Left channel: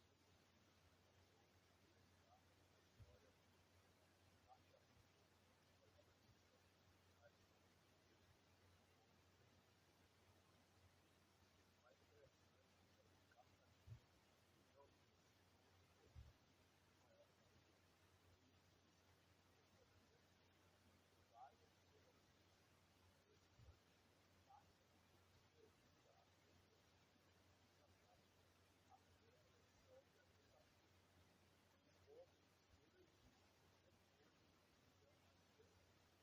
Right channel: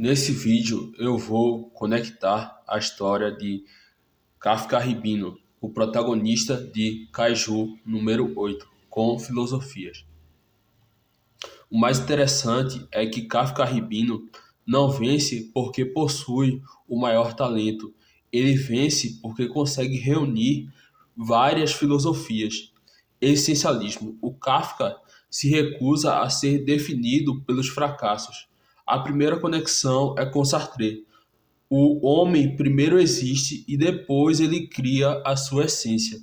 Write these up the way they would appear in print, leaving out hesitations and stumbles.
Nesse vídeo eu vou conectar a história de Kafka Ribino, o protagonista de Kaiju número 8, com filosofias. O mais interessante é que Kafka Ribino não vence porque possui o maior talento. Ele vence porque consegue reunir várias filosofias. Essencialismo. O Kafka se recusa a ser definido pelos fracassos. A primeira conexão é com Sartre. O homem primeiro existe e depois ele cria a sua essência.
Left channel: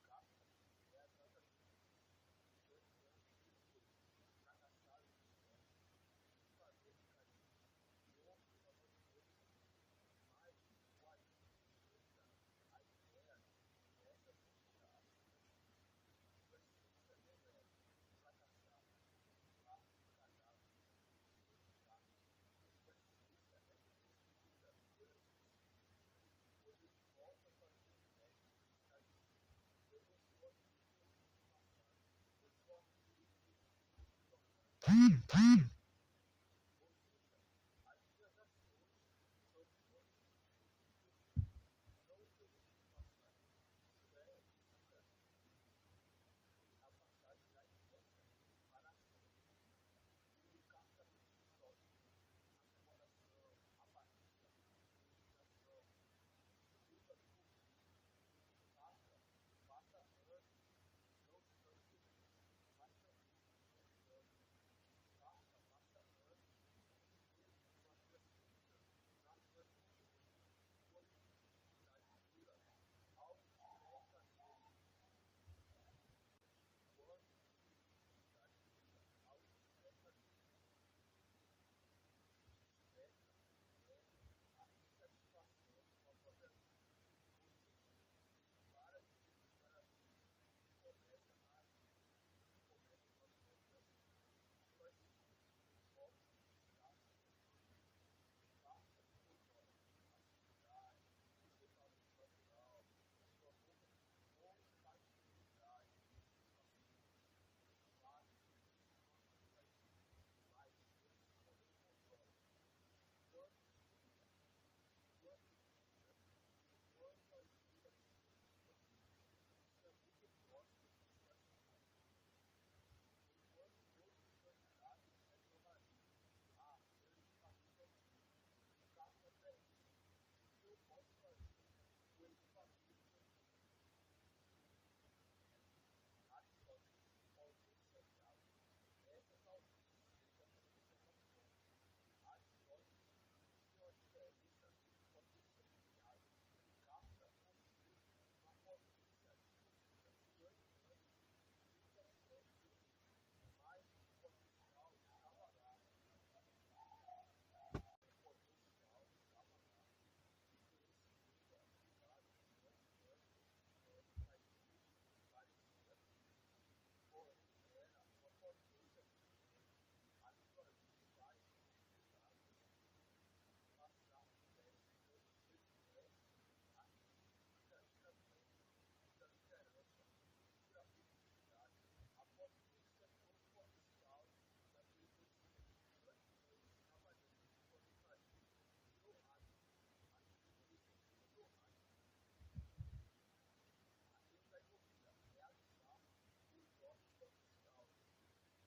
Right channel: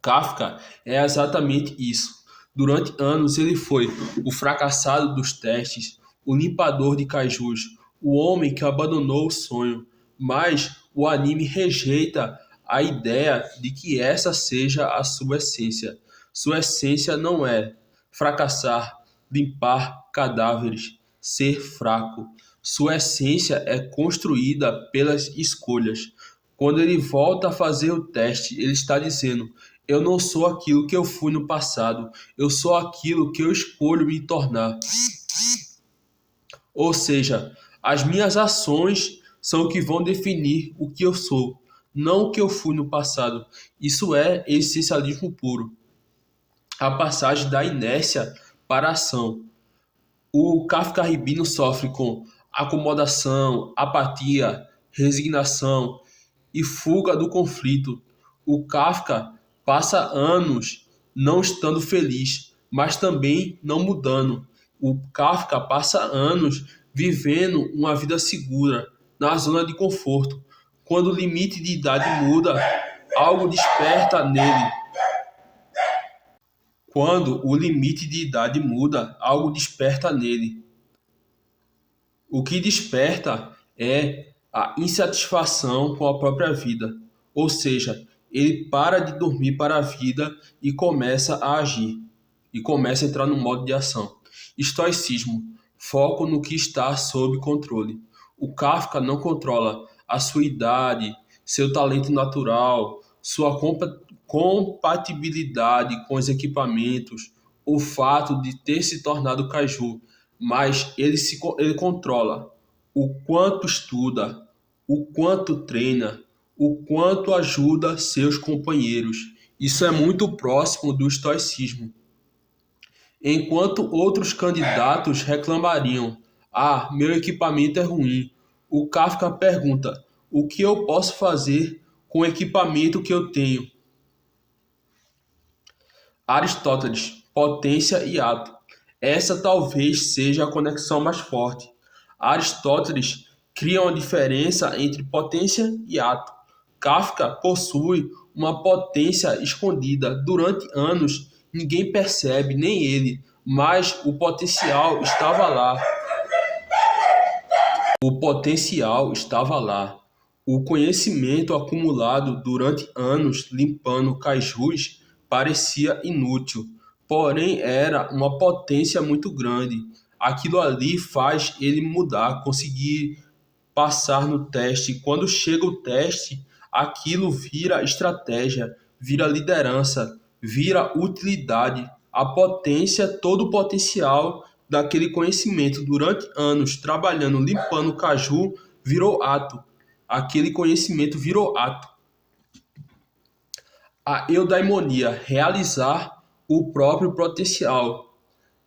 Kafka é exatamente isso. Durante anos ele foi o fracassado dos testes, o limpador de kaijus, o homem que abandonou o sonho. Mas o anime rejeita a ideia de que essa seja a sua essência. Sua essência não é fracassar, limpar cadáveres, ser fraco. Sua essência é construída pelas escolhas. Quando ele volta a fazer o teste, ele está dizendo: eu não sou aquilo que eu fui no passado, eu sou aquilo que eu escolho me tornar. Ou seja, as minhas ações são o que vão definir o que eu sou, não o que eu fui no passado. Isso é essencialismo puro. A passagem da inércia para a ação. O Kafka Ribino sofre com acomodação, apatia, resignação e fuga do conflito. O Kafka passa anos não estando feliz, mas também não mudando. O Kafka passa anos vivendo uma vida segura, na zona de conforto. Quando o limite de idade muda, algo desperta nele. Quando o limite de idade muda, algo desperta nele. O que desperta é a insatisfação com a própria vida. Ou seja, ele para de dormir para a vida e começa a agir. E começa a entrar no modo de ação. Estoicismo. Foco no que está sob controle. O Kafka não controla a sua idade, seu talento natural, sua compatibilidade com os equipamentos, o fato de ter se tornado kaiju, mas ele controla o quanto estuda, o quanto treina, o quanto ajuda seus companheiros. Isso é muito próximo do estoicismo. Enquanto outros candidatos reclamariam: ah, meu equipamento é ruim, o Kafka pergunta: o que eu posso fazer com o equipamento que eu tenho? Aristóteles, potência e ato. Essa talvez seja a conexão mais forte. Aristóteles cria uma diferença entre potência e ato. Kafka possui uma potência escondida. Durante anos, ninguém percebe, nem ele, mas o potencial estava lá. O potencial estava lá. O conhecimento acumulado durante anos limpando kaijus parecia inútil, porém era uma potência muito grande. Aquilo ali faz ele mudar, conseguir passar no teste. Quando chega o teste, aquilo vira estratégia, vira liderança, vira utilidade. A potência, todo o potencial daquele conhecimento durante anos trabalhando, limpando o caju, virou ato. Aquele conhecimento virou ato. A eudaimonia, realizar o próprio potencial.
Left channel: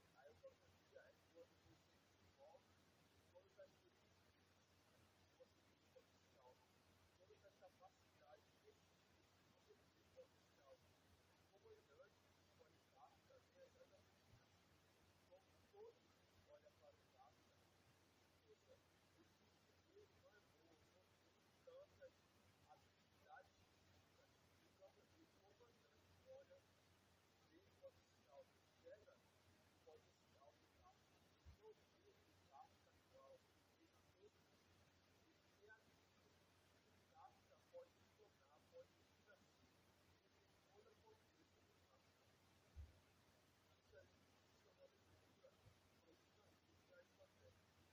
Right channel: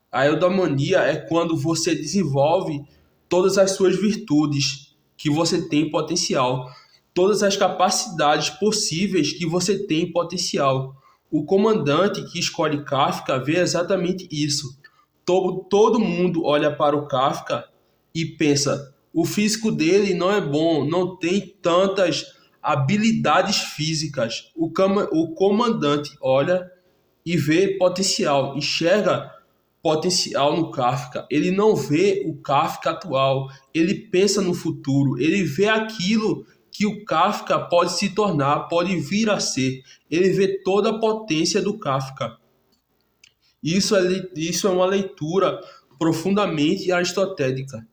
A eudaimonia é quando você desenvolve todas as suas virtudes que você tem potencial, todas as capacidades possíveis que você tem potencial. O comandante que escolhe Kafka vê exatamente isso. Todo mundo olha para o Kafka e pensa: o físico dele não é bom, não tem tantas habilidades físicas. O comandante olha e vê potencial, enxerga potencial no Kafka. Ele não vê o Kafka atual, ele pensa no futuro, ele vê aquilo que o Kafka pode se tornar, pode vir a ser. Ele vê toda a potência do Kafka. Isso é uma leitura profundamente aristotélica.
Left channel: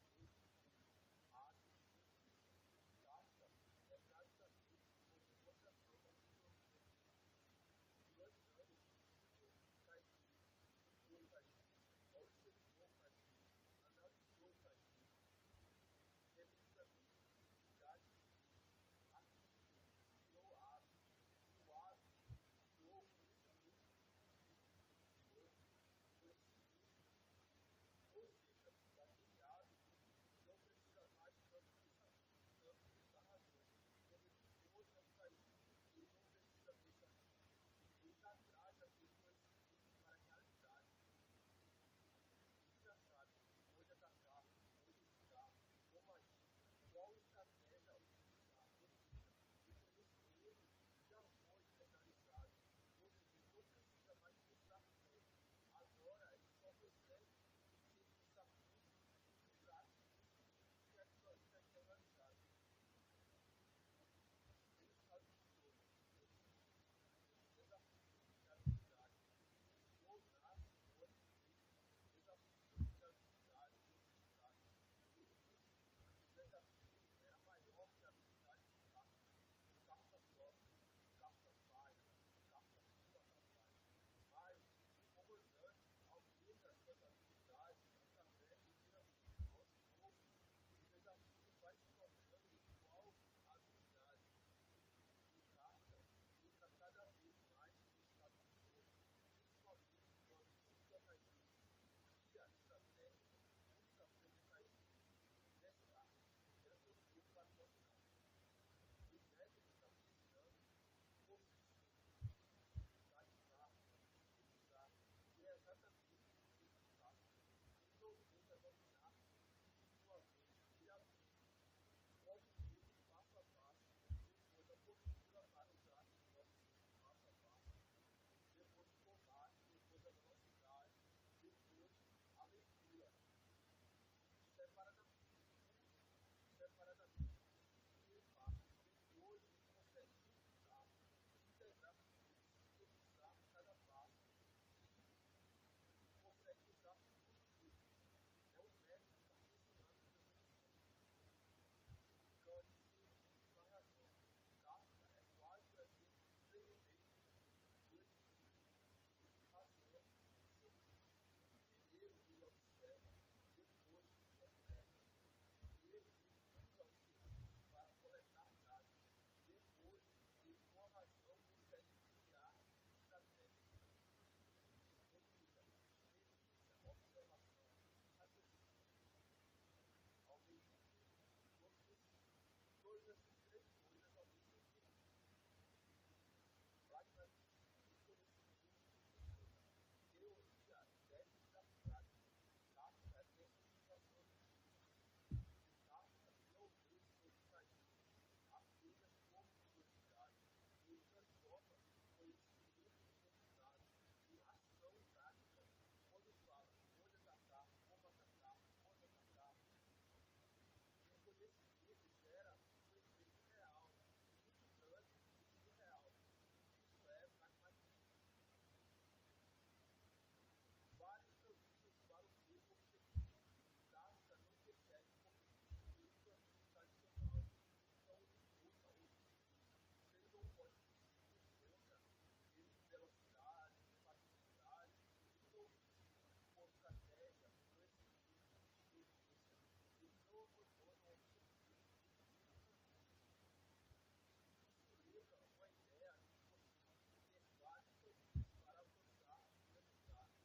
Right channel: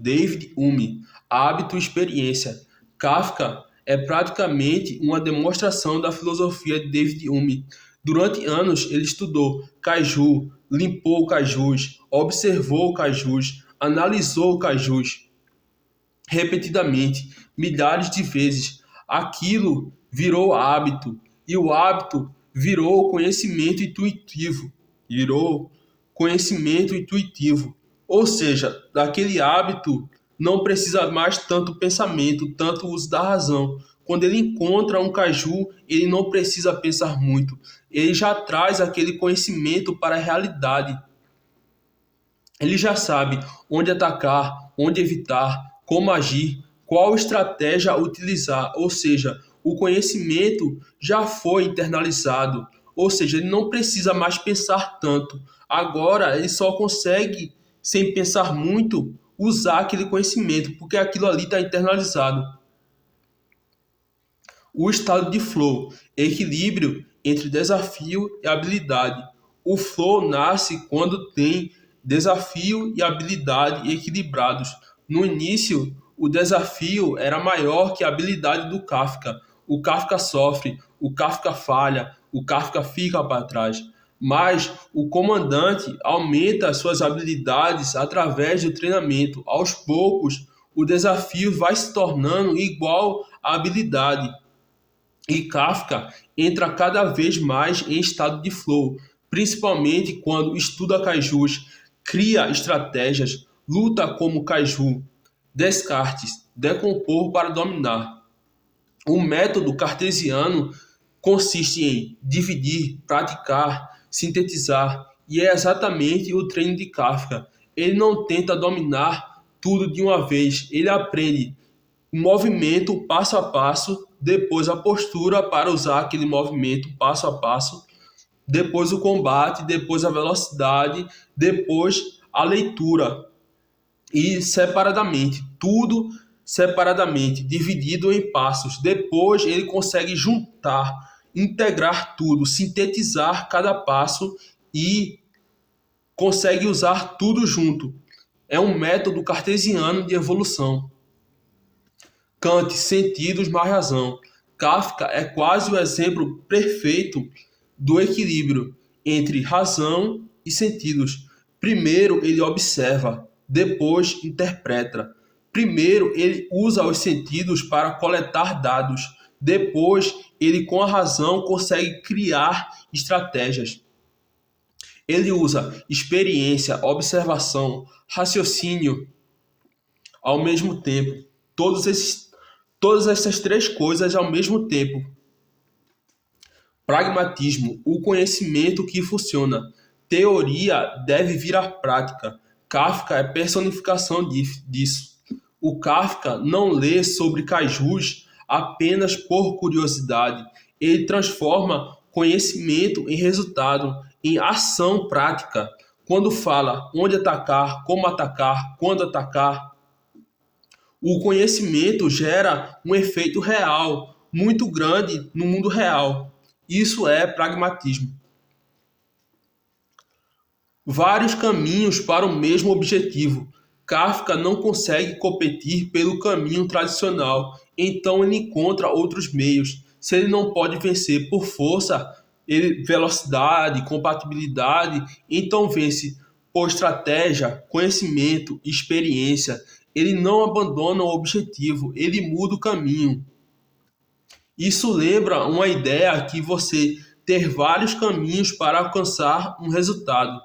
David Hume, hábito e experiência. Kafka é praticamente uma demonstração da filosofia de David Hume. Durante anos ele estudou kaiju, limpou kaijus, observou kaijus, analisou cajus repetidamente, milhares de vezes. Aquilo virou hábito, e o hábito virou conhecimento intuitivo. Virou conhecimento intuitivo. Ou seja, daquele hábito não precisa mais tanto pensamento, tanto uso da razão. Quando ele encontra um caju, ele não precisa pensar muito. Ele já traz aquele conhecimento para a realidade. Ele já sabe onde atacar, onde evitar, como agir, qual estratégia utilizar. Ou seja, o conhecimento já foi internalizado. Ou seja, ele não precisa mais pensar tanto. Agora ele só consegue, sem pensar muito, usar aquele conhecimento, porque aquilo ali está internalizado. O estado de flow, equilíbrio entre desafio e habilidade. O flow nasce quando tem desafio e habilidade equilibrados. No início, o desafio era maior que a habilidade do Kafka. O Kafka sofre, o Kafka falha, o Kafka fica para trás. Mas o comandante aumenta suas habilidades através do treinamento. Aos poucos, o desafio vai se tornando igual à habilidade. E Kafka entra cada vez mais em estado de flow, principalmente quando estuda kaijus, cria estratégias, luta como kaiju. Descartes, decompor para dominar. O método cartesiano consiste em dividir, praticar, sintetizar, e é exatamente o treino de Kafka. Ele não tenta dominar tudo de uma vez, ele aprende o movimento passo a passo, depois a postura para usar aquele movimento passo a passo, depois o combate, depois a velocidade, depois a leitura. E separadamente, tudo separadamente, dividido em passos. Depois ele consegue juntar, integrar tudo, sintetizar cada passo e consegue usar tudo junto. É um método cartesiano de evolução. Kant, sentidos mais razão. Kafka é quase o exemplo perfeito do equilíbrio entre razão e sentidos. Primeiro ele observa, depois interpreta. Primeiro ele usa os sentidos para coletar dados, depois ele com a razão consegue criar estratégias. Ele usa experiência, observação, raciocínio ao mesmo tempo. Todas essas três coisas ao mesmo tempo. Pragmatismo, o conhecimento que funciona. Teoria deve virar prática. Kafka é personificação disso. O Kafka não lê sobre kaijus apenas por curiosidade. Ele transforma conhecimento em resultado, em ação prática. Quando fala onde atacar, como atacar, quando atacar, o conhecimento gera um efeito real, muito grande no mundo real. Isso é pragmatismo. Vários caminhos para o mesmo objetivo. Kafka não consegue competir pelo caminho tradicional, então ele encontra outros meios. Se ele não pode vencer por força, velocidade, compatibilidade, então vence por estratégia, conhecimento, experiência. Ele não abandona o objetivo, ele muda o caminho. Isso lembra uma ideia que você ter vários caminhos para alcançar um resultado.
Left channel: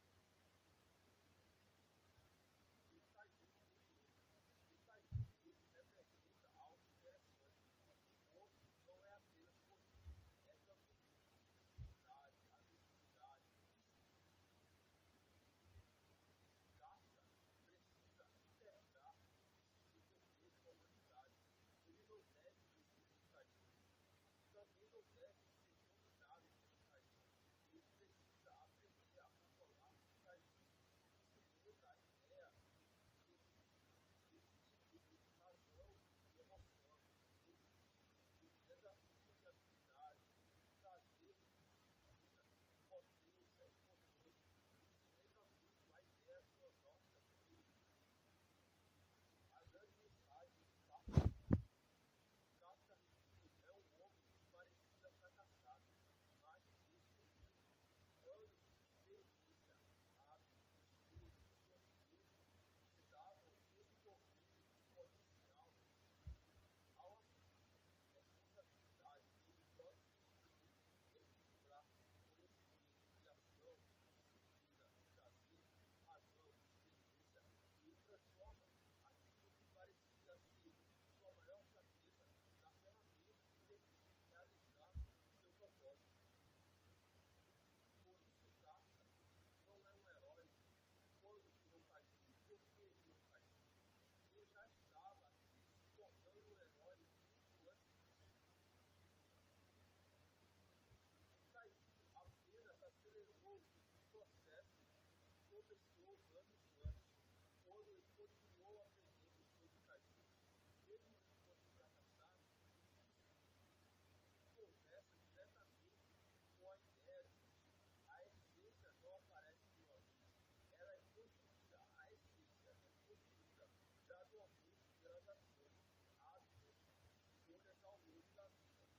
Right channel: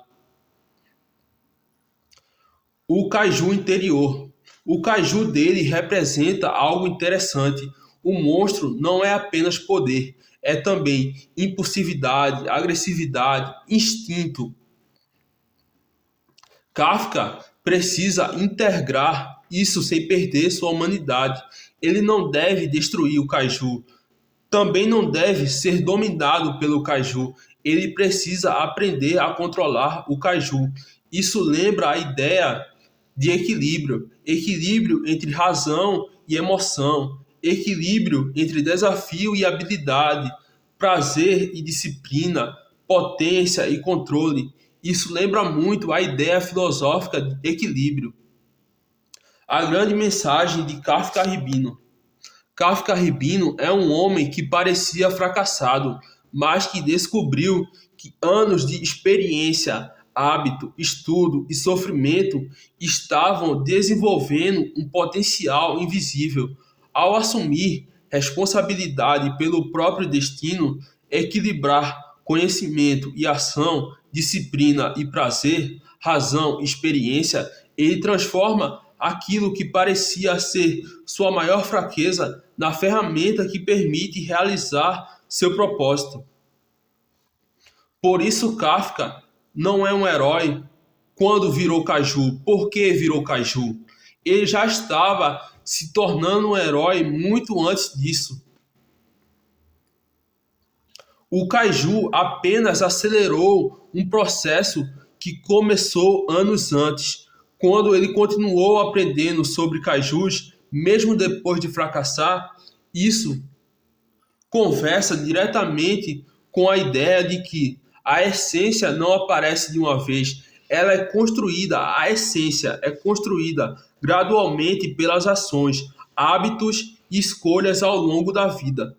O kaiju interior. O kaiju dele representa algo interessante. O monstro não é apenas poder, é também impulsividade, agressividade, instinto. Kafka precisa integrar isso sem perder sua humanidade. Ele não deve destruir o kaiju. Também não deve ser dominado pelo kaiju. Ele precisa aprender a controlar o kaiju. Isso lembra a ideia de equilíbrio. Equilíbrio entre razão e emoção. Equilíbrio entre desafio e habilidade. Prazer e disciplina. Potência e controle. Isso lembra muito a ideia filosófica de equilíbrio. A grande mensagem de Kafka Ribino. Kafka Ribino é um homem que parecia fracassado, mas que descobriu que anos de experiência, hábito, estudo e sofrimento estavam desenvolvendo um potencial invisível. Ao assumir responsabilidade pelo próprio destino, equilibrar conhecimento e ação, disciplina e prazer, razão e experiência, ele transforma aquilo que parecia ser sua maior fraqueza na ferramenta que permite realizar seu propósito. Por isso, Kafka não é um herói quando virou caju. Por que virou caju? Ele já estava se tornando um herói muito antes disso. O caju apenas acelerou um processo que começou anos antes, quando ele continuou aprendendo sobre cajus, mesmo depois de fracassar. Isso conversa diretamente com a ideia de que a essência não aparece de uma vez, ela é construída, a essência é construída gradualmente pelas ações, hábitos e escolhas ao longo da vida.